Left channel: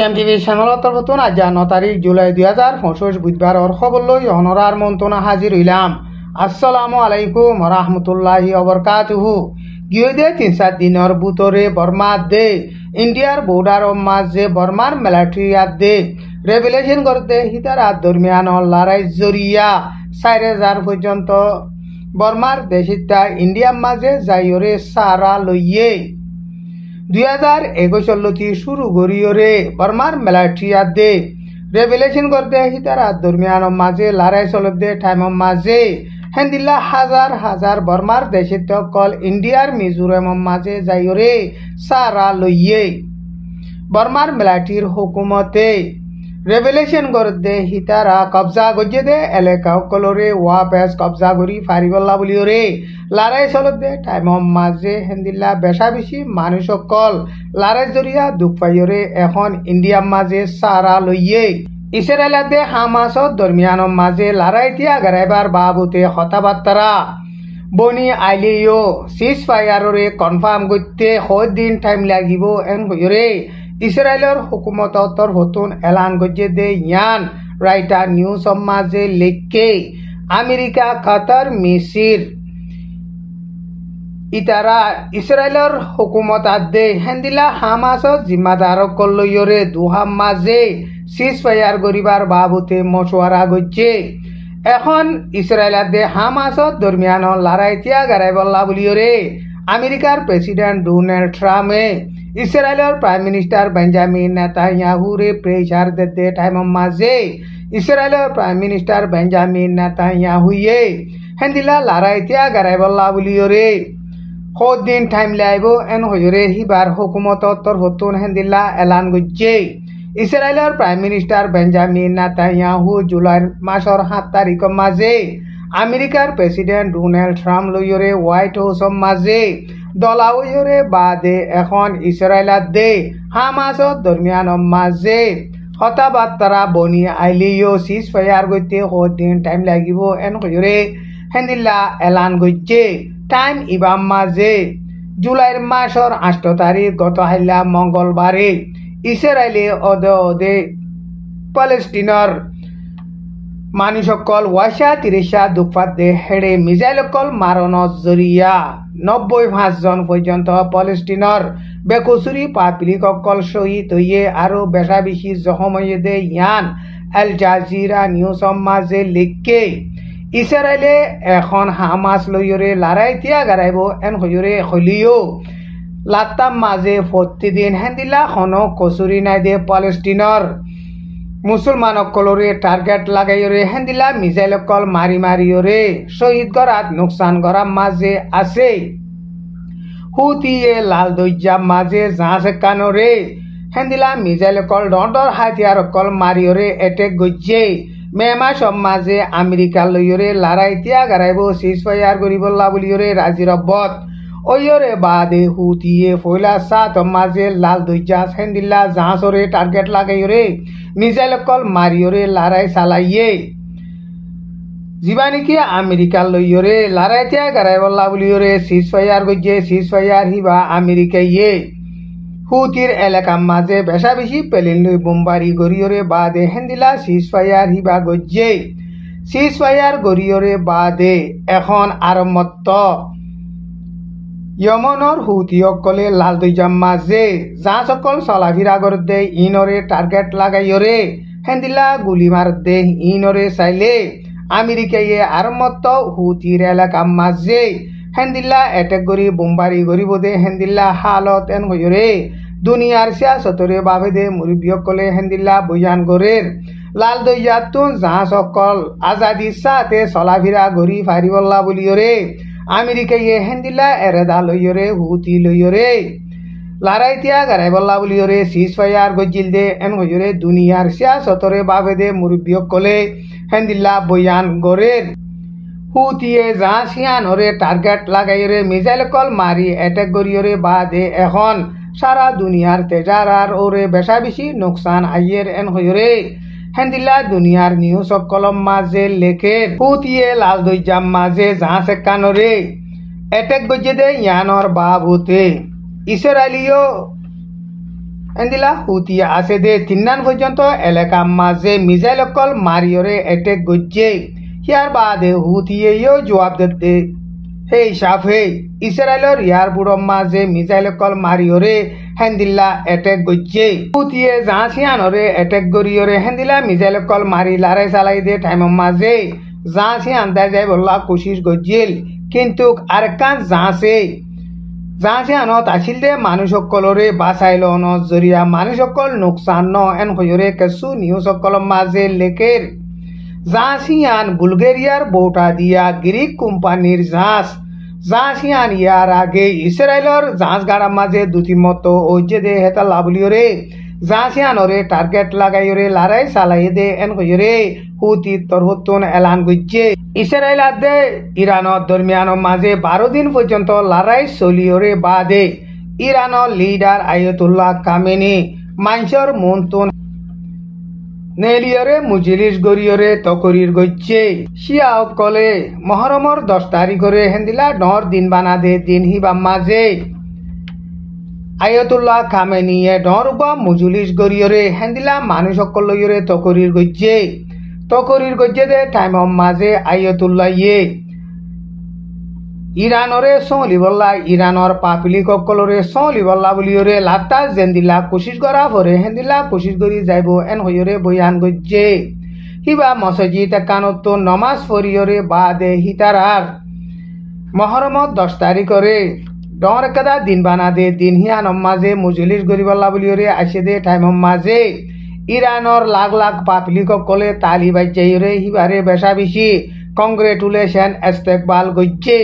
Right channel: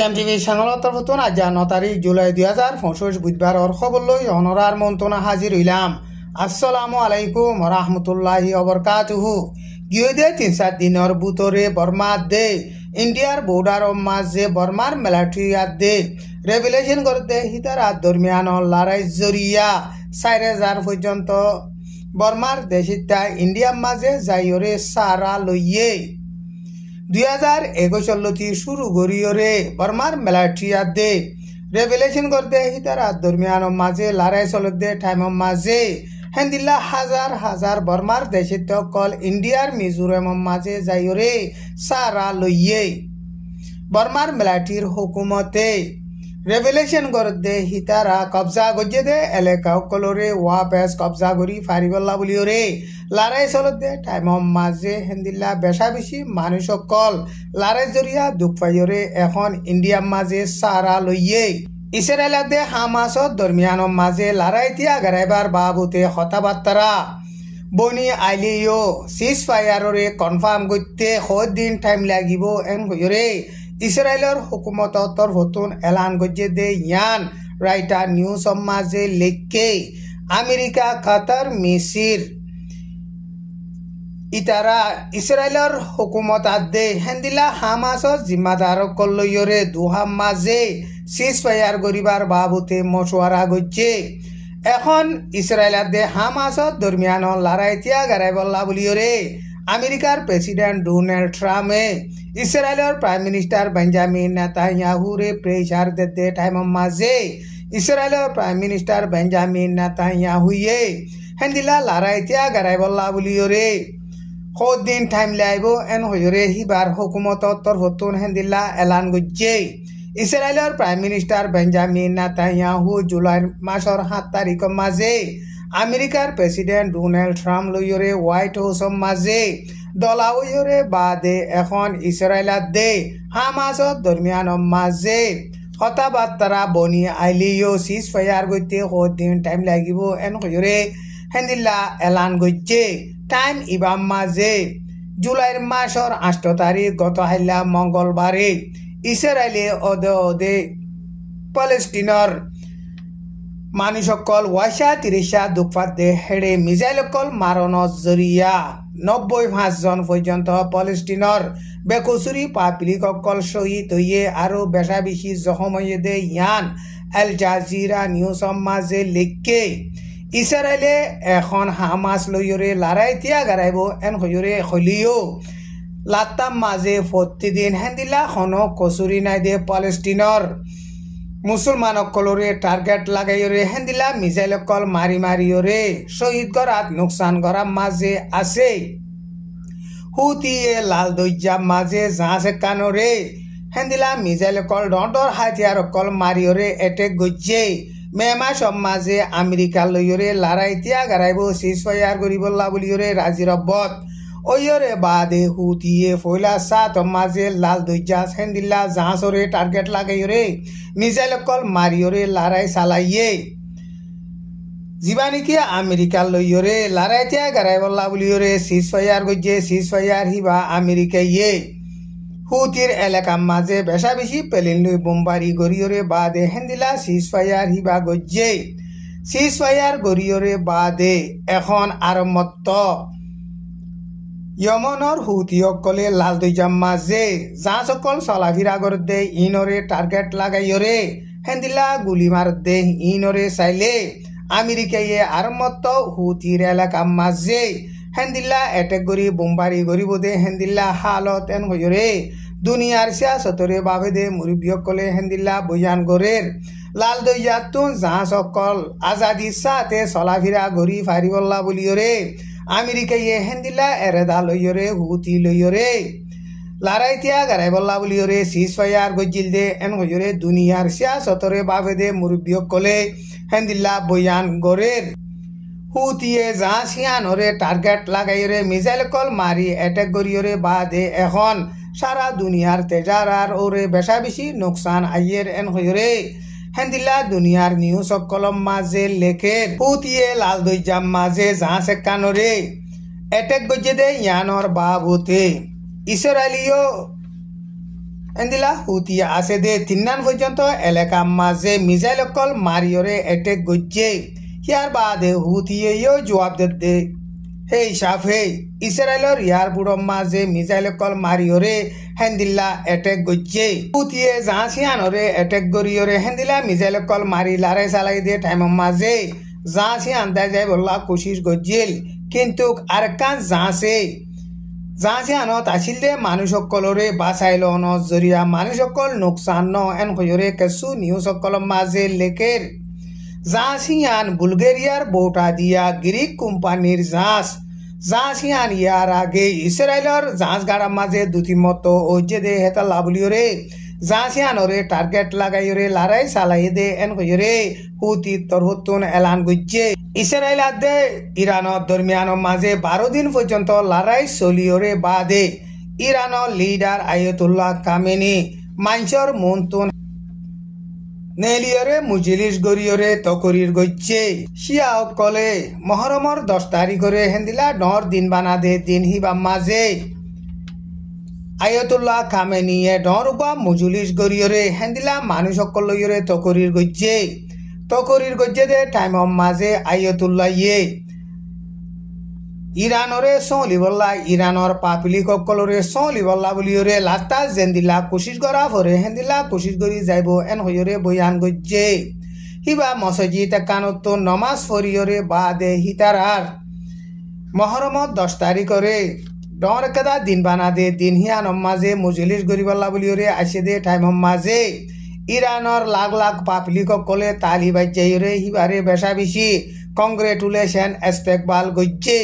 টিএমটিভি চ্যানেলত নতুন আজ 9 তারিখ জুলাই 2025 বুধবার খবর লই অনরার মন্তনা হাজির হইলাম। আসসালামু আলাইকুম রাহমাতুল্লাহি ওয়া বারাকাতুহু। গিয়ে 3-4 দিনের ভিতরে বর্মা দে ইন্ডিয়ার বর্ডার মাঝে বর্মার মিলিটারি দে রেভেলেশন করতে হিতার দরমিয়ান লড়াই জরিয়া 4000 পর্যন্ত বর্মার দেশিতা ইন্ডিয়ার মাঝে যাইরে সারা লইয়ে 2021 শুরু করিওরে বর্মার মিলিটারি দে রেভেলেশন করতে হিতার দরমিয়ান মাঝে লড়াই চলতে টাইম মাঝে হেন্দিল্লা হাজার হাজার বর্মার দেশিত কল ইন্ডিয়ার মিজোরাম মাঝে যাইরে সারা লইয়ে বর্মার মিলিটারির হুকুমতে রেভেলেশন করতে হিতারা কবজা গজে দে এলাকা কলরে ওয়াপেস কবজা করি ফারিবল্লা বলিওরে লড়াই চলতে টাইম মাঝে হেন্দিল্লা বেশা বেশি মানুষ কল লড়াই জরিয়া দুঃখ পাইরে এখন ইন্ডিয়ার মাঝে সারা লইয়ে ইসরায়েলে হামাসর দরমিয়ান মাঝে লড়াই তিয়া গারাইবার বাবুতে কথাবার্তা বনি আইলেও সিজ ফায়ারে কনফার্ম করতে দিন টাইম লাগিব এন হইরে ইসরায়েলের হুকুমত তরফতুন এলান গজে দে ইয়ান রাইটার নিউজ মাঝে লিখকে আমেরিকা কাতার মিসির ইতারা ইসরায়েলের হুকুমত দে হেন্দিলা হামাসর জিম্মাদার কল্লয়রে দুহাম মাঝে সিজ ফায়ার করিবার বাবুতে মশওয়ারা গজে এখন ইসরায়েলের দে হামাসর দরমিয়ান লড়াই তিয়া গারাই বল্লা বলিওরে আমেরিকার প্রেসিডেন্ট ডোনাল্ড ট্রাম্পে ইসরায়েলের প্রাইম মিনিস্টার বেঞ্জামিন নেতানিয়াহুরে প্রেসার দিতে টাইম মাঝে ইসরায়েলের প্রাইম মিনিস্টার বেঞ্জামিন নেতানিয়াহুয়ে হেন্দিলা লড়াই তিয়া গারাই বল্লা বলিওরে দিন টাইম লাইব এন হইরে হিবার হুকুমত তরফতুন হেন্দিলা এলান গজে ইসরায়েলের prime minister Benjamin Netanyahu July মাসের 7 তারিখ মাঝে আমেরিকার প্রেসিডেন্ট ডোনাল্ড ট্রাম্প লইরে হোয়াইট হাউস মাঝে দলাউরে বাদে এখন ইসরায়েল দে হামাসর দরমিয়ান মাঝে কথাবার্তা বনি আইলিও সিজ ফায়ার করতে দিন টাইম লাগিব এন হইরে হেন্দিল্লা এলান গজে টাইম ইবাম মাঝে জুলাইর মাসের 8 তারিখ গত হাইলা মঙ্গলবারে ইসরায়েলে অদে প্যালেস্টিনের মানুষকল 30 দুঃখাত দে হেড়ে মিজাইলকল মারণত জরিয়া 95 জন পর্যন্ত প্যালেস্টিনের বেকসুরি পাবলিককল শহীদ হইয়ে আরো বেশা বেশি জখম হইয়ে দে ইয়ান আল জাজিরা নিউজ মাঝে লিখকে ইসরায়েলে এখন হামাস লইরে লড়াই তিয়া গারাইব এন হইরে হলিও লাত্তাম মাঝে প্রতিদিন হেন্দিলা খনো কসুরি নাই দে প্যালেস্টিনের মুসলমানকলরে টার্গেট লাগাইরে হেন্দিলা মিসাইলকল মারি মারিওরে শহীদ করাত নুকসান করার মাঝে আছে হুতিয়ে লাল দৈজা মাঝে জাহাজ কানরে হেন্দিলা মিসাইলকল ডর হাতিয়ারকল মারিওরে এটেক গজে মেমা সব মাঝে আমেরিকা লইরে লড়াই তিয়া গারাইব সিজ ফায়ার করিবল্লা বলিওরে রাজি রব্বত ওইরে বাদে হুতিয়ে ফয়লা 7 মাঝে লাল দৈজা হেন্দিল্লা জাহাজরে টার্গেট লাগাইরে মিসাইলকল মারিওরে লড়াই চালাইয়ে জীবানিকে আমেরিকা লইরে লড়াই তিয়া গারাই বল্লা বলিওরে সিজ ফায়ার গজে সিজ ফায়ার হিবা আমেরিকাইয়ে হুতির এলাকা মাঝে বেশা বেশি পেলিন লই বোমবারি গরিয়রে বাদে হেন্দিলা সিজ ফায়ার হিবা গজে সিজ ফায়ার গরিয়রে বাদে এখন আরম্ভত ইয়মনৰ হুতিসকলে লাল দৈজাম মাঝে জাহাজসকল চলাফিরা করতে ইনরে টার্গেট লাগাইরে হেন্দিলা গুলি মার দে ইনরে চাইলে আমেরিকাইয়ে আরম্ভত হুতির এলাকা মাঝে হেন্দিল্লা এটেক করি বোমবারি করিব দে হেন্দিল্লা হালত এন হইরে দুনিয়ার সিয়াসতরে বাবে দে মুরব্বীসকলে হেন্দিল্লা বয়ান গরের লাল দৈজাতুন জাহাজসকল আজাদি সাথে চলাফিরা ঘুরি ফারিবল্লা বলিয়রে আমেরিকাইয়ে হেন্দিল্লা এরেদা লইরে হুতি লইরে লড়াই তিয়া গারাই বল্লা বলিয়রে সিজ ফায়ার গজিল দে এন হইরে দুনিয়ার সিয়াসতরে বাবে দে মুরব্বীসকলে হেন্দিল্লা বয়ান গরের হুতিয়ে জাহাজিয়ানরে টার্গেট লাগাইরে মিসাইলকল মারি এটেক করিয়রে বাদে এখন সারা দুনিয়ার তেজারার ওরে বেশা বেশি নুকসান আইয়ের এন হইরে হেন্দিল্লা দুনিয়ার নিউজ কলম মাঝে লেখের হুতিয়ে লাল দৈজাম মাঝে জাহাজ কানরে এটেক গজে দে ইয়ানর বাবুতে ইসরায়েলীয় এন্দিলা হুতি আছে দে তিন্নান পর্যন্ত এলাকা মাঝে মিসাইল অকল মারিয়রে এটেক গজ্জে ইয়ার বাদে হুতিয়েও জবাব দে হে সাফে ইসরায়েলর ইয়ার বুড়ো মাঝে মিসাইল অকল মারিয়রে হেন্দিল্লা এটেক গজ্জে হুতিয়ে জাহাসিয়ানরে এটেক গরিয়রে হেন্দিলা মিসাইল অকল মারি লারে চালাই দে টাইম মাঝে জাহাসিয়ান দেয় যাই বললা কোশিশ গজ্জিল কিন্তু আরেকান জাহাসিয়ানত আছিল দে মানুষ সকলরে বাঁচাইল ন জরিয়া মানুষ সকল নোকসান ন এন কয়রে কেসু নিউজ সকল মাঝে লেকের জাহাসিয়ান বুলগেরিয়ার বউটা দিয়া গ্রিক কোম্পানির জাহাসিয়ান ইয়ার আগে ইসরায়েলর জাহাজ গাড়া মাঝে দুটি মতো ওজে দে হেতা লাভলিয়রে জাহাসিয়ানরে টার্গেট লাগাইরে লড়াই চালাই দে এন কয়রে হুতি তরহতুন এলান গজ্জে ইসরায়েল আদে ইরানের দরমিয়ানের মাঝে 12 দিন পর্যন্ত লড়াই চলিয়রে বাদে ইরানের লিডার আয়াতুল্লাহ খামেনি মাঞ্চর মুনতুন নেলিয়রে মুজলিস গরিয়রে তকরির গজ্জে শিয়া কলে মহরমর 10 তারিখরে হেন্দিলা 9 দিন বানা দে দিন হিবা মাঝে আয়াতুল্লাহ খামেনিয়ে ডরবা মুজলিস গরিয়রে হেন্দিলা মানুষ সকল লইরে তকরির গজ্জে দে টাইম মাঝে আয়াতুল্লাহ ইরানরে সলিবল্লা ইরানর পাপিলি ককলরে সলিবল্লা বলিয়রে লাতা জেন্দিলা কোশিশ করা পরে হেন্দিলা কোশিশ করি যাইব এন হইরে বয়ান গজ্জে হিবা মসজিদ কানত নমাজ পড়িয়রে বাদে হিতারার মহরমত 10 তারিখরে ডর কাদা দিন বানা দে দিন হিয়ান মাঝে মুজলিস গরিবল্লা বলিয়রে আসে দে টাইম মাঝে ইরানর লাখ লাখ পাপিলি ককলে তালি বাজ্জাইরে হিবারে বেশা বেশি কংগ্রেচুলেশন ইস্তেকবাল গজ্জে।